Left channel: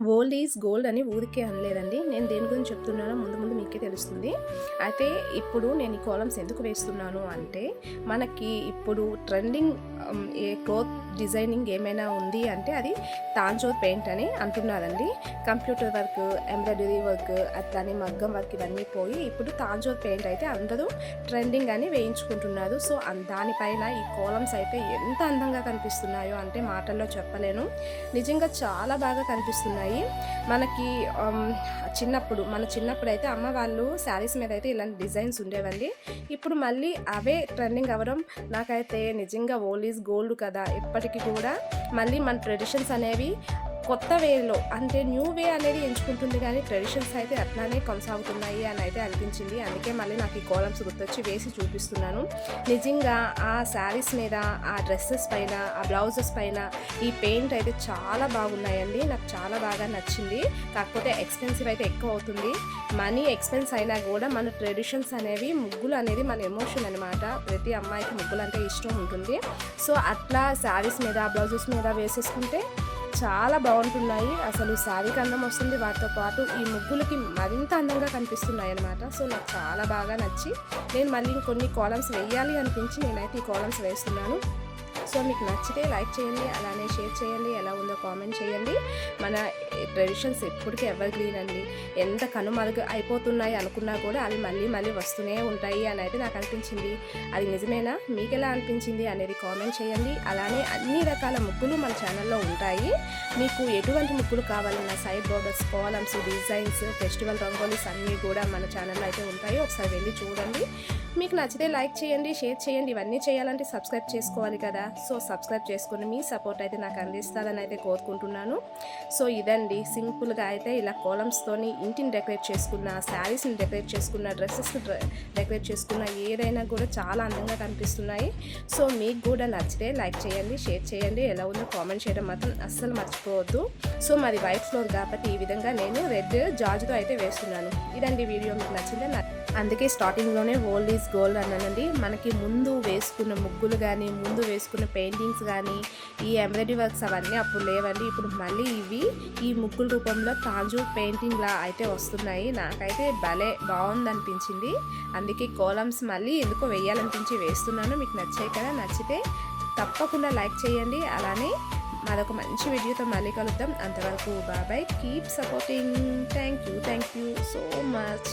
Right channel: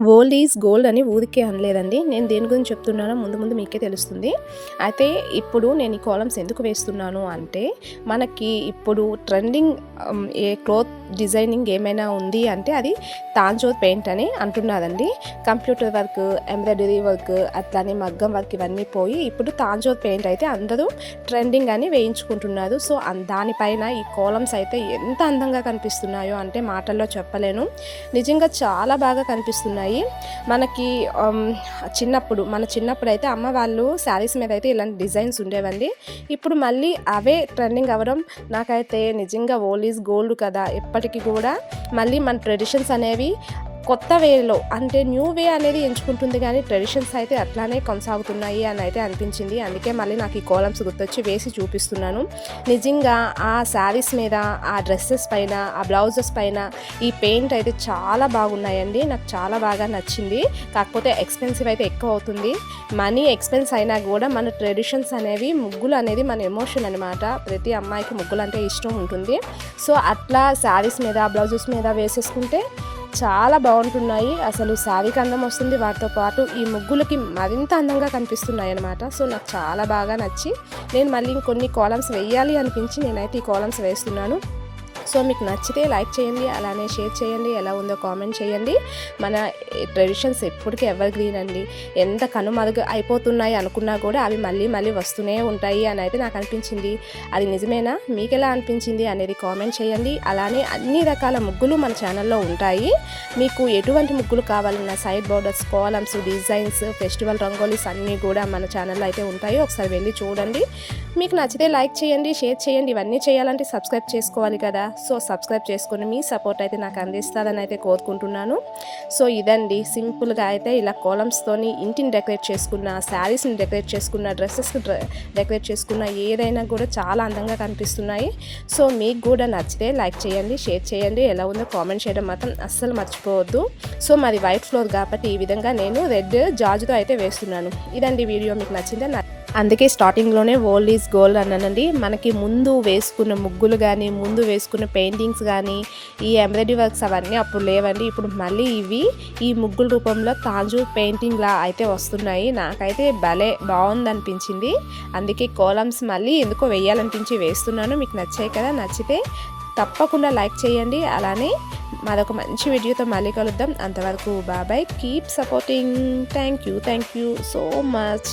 Old is gold అని ఊరికే అనలేదండి. నేను దేని గురించి చెప్తున్నానో ముందు ముందు మీకే తెలుస్తుంది. అయితే ఇప్పుడు నేను ఈ కాలమ్స్ ఎందుకు వేస్తున్నాను అంటే, మనకి ఇప్పుడు ట్రెండింగ్ ఏ క్లోత్ డిజైనింగ్ ఏమైనా ఉంది అంటే అది తాంజోర్ పెయింట్ అని అంటున్నారండి. కంప్యూటర్ వర్క్, ఎంబ్రాయిడరీ వర్క్, అట్లానే మగ్గం వర్క్ ఇవన్నీ పోయి ఇప్పుడు తాంజోర్ పెయింట్ అయితే అందరూ ట్రెండింగ్ అని వేయించుకుంటున్నారు. సో దానిపైన ఈ కాలమ్స్ అయితే ఎంత అందంగా కనిపిస్తున్నాయో అంటే మాటల్లో చెప్పలేను. నిజంగా చాలా బాగా కనిపిస్తున్నాయి. మనకి మన చిన్నప్పుడు అయితే అమ్మ వాళ్ళు శారీస్ మీద అయితే ఇలాంటి డిజైన్స్ ఉండేవండి. ఇప్పుడు మళ్ళీ అవే ట్రెండింగ్ అవ్వడం నాకైతే నిజంగా ఓల్డ్ ఈజ్ గోల్డ్ కదా, ఎప్పటికీ కూడా మళ్ళీ మన ట్రెడిషన్స్ అనేవి కొత్త వేలో అంటే న్యూ వే అనేది ఎంచుకుంటుంది, కానీ ట్రెడిషన్స్ అయితే అట్లానే కొనసాగుతున్నాయి అని అయితే అనిపించింది. అందుకే మళ్ళీ నాకు ఈ కాలమ్స్ గుర్తొచ్చి వేసి చూపిస్తున్నాను. నిజంగా ఆ శారీస్ మీద, ఆ డ్రెస్సెస్ పైన, ఆ బ్లౌజెస్ పైన ఈ పెయింట్ అయితే చాలా బాగున్నాయండి. నాకు చాలా బాగా నచ్చింది. కాకపోతే ఎక్స్పెన్సివ్ అయితే ఎక్కువ అవుతుంది. మనీ ఎక్స్పెన్స్ అయినా కూడా మన ట్రెడిషన్స్ అనేవి, ముగ్గులు అనేది మన ఎమోషన్ అనమాట. ప్రతి అమ్మాయికి ముగ్గులు అంటే ఇష్టం ఉంటుంది. సో అట్లా శారీస్ మీద, బ్లౌజెస్ మీద వేసేసుకుంటే చాలా బాగుంటున్నాయి. అసలు శారీకి అందం వస్తుంది, వాటితో పాటు ఈ ముగ్గులకి మరింత అందంగా కనిపిస్తున్నాయి అన్నమాట. సో నాకు చాలా బాగా నచ్చి నేను మళ్ళీ ఇంకొన్ని కాలమ్స్ వేయాలి అనిపించి నేనైతే ఈ కాలమ్స్ వేస్తున్నాను. సో మీకు నచ్చితే లైక్ చేయండి, అలానే షేర్ చేయండి, ఎలా ఉందో కామెంట్ చేయండి. మన ట్రెడిషన్స్ ఎప్పటికీ ఎవర్ గ్రీన్ అండి. ఎంత కనుమరుగు అయిపోతున్నాయి అనుకున్నా కూడా అవి మళ్ళీ మళ్ళీ వస్తూనే ఉంటాయి అని అయితే నాకు అనిపించింది. అది నిజమేనా, మీకు ఎలా అనిపించింది అనేది కామెంట్ చేయండి. అలానే అన్ని రకాల ముగ్గులు మన ఛానల్లో ఉంటాయి. మీకు ఎటువంటి ముగ్గులు కావాలన్నా side borders, columns, designs, festival rangolis అన్నీ కూడా మన ఛానల్లో అయితే ఉంటాయి. ఒకసారి వెళ్ళి చూడండి. మీకు నచ్చితే లైక్ చేయండి, షేర్ చేయండి. ఇవన్నీ చేయాలంటే సబ్స్క్రైబ్ చేసుకోవాలి కదా. సో సబ్స్క్రైబ్ చేసుకుని మీ సపోర్ట్ అయితే నాకు అందిస్తారని అయితే కోరుకుంటున్నాను. సో ఇదండి, సింపుల్గా అయితే ఇలా కాలమ్స్తోని ఇంటిని డెకరేట్ చేసుకున్న, శారీస్ని డెకరేట్ చేసుకున్న, డ్రెస్సెస్ని డెకరేట్ చేసుకున్న ఏదైనా కూడా చాలా అందంగా కనిపిస్తున్నాయి. సో మీకు కూడా నచ్చితే లైక్ చేయండి, షేర్ చేయండి. ఎలా ఉందో కామెంట్ చేయడం మాత్రం అస్సలు మర్చిపోవద్దు. సో మాది వైట్ ఫ్లోర్ కాబట్టి ఈ విధంగా నేను రెడ్ జాజుతో అయితే వేస్తున్నాను. ఇదండి వీడియో, మీకు నచ్చిందే. అందుకే స్టార్టింగ్లోనే ఓల్డ్ ఈజ్ గోల్డ్ అన్నానండి. మనకి ముందు వేసుకున్న ముగ్గులు కానీ, ముందు వేసుకున్న పెయింటింగ్స్ కానీ, ఈ ఎంబ్రాయిడరీ వర్క్స్ అవన్నీ అప్పుడు లేవండి. ఇప్పుడు మళ్ళీ ఇవి ఈ ముగ్గుల రూపంలో తాంజూర్ పెయింటింగ్లా అయితే వస్తున్నాయి. నాకైతే భలే బాగుంది అనిపించింది. అందుకే కాలమ్స్ మళ్ళీ ఎందుకో వేయాలనిపించి వేస్తున్నాను. మీకు నచ్చాయి కదా, నచ్చితే తప్పకుండా లైక్ చేయండి. అలానే మరొక మంచి వీడియోతో మళ్ళీ కలుద్దాం. అంతవరకు bye. Keep supporting. Thank you so much.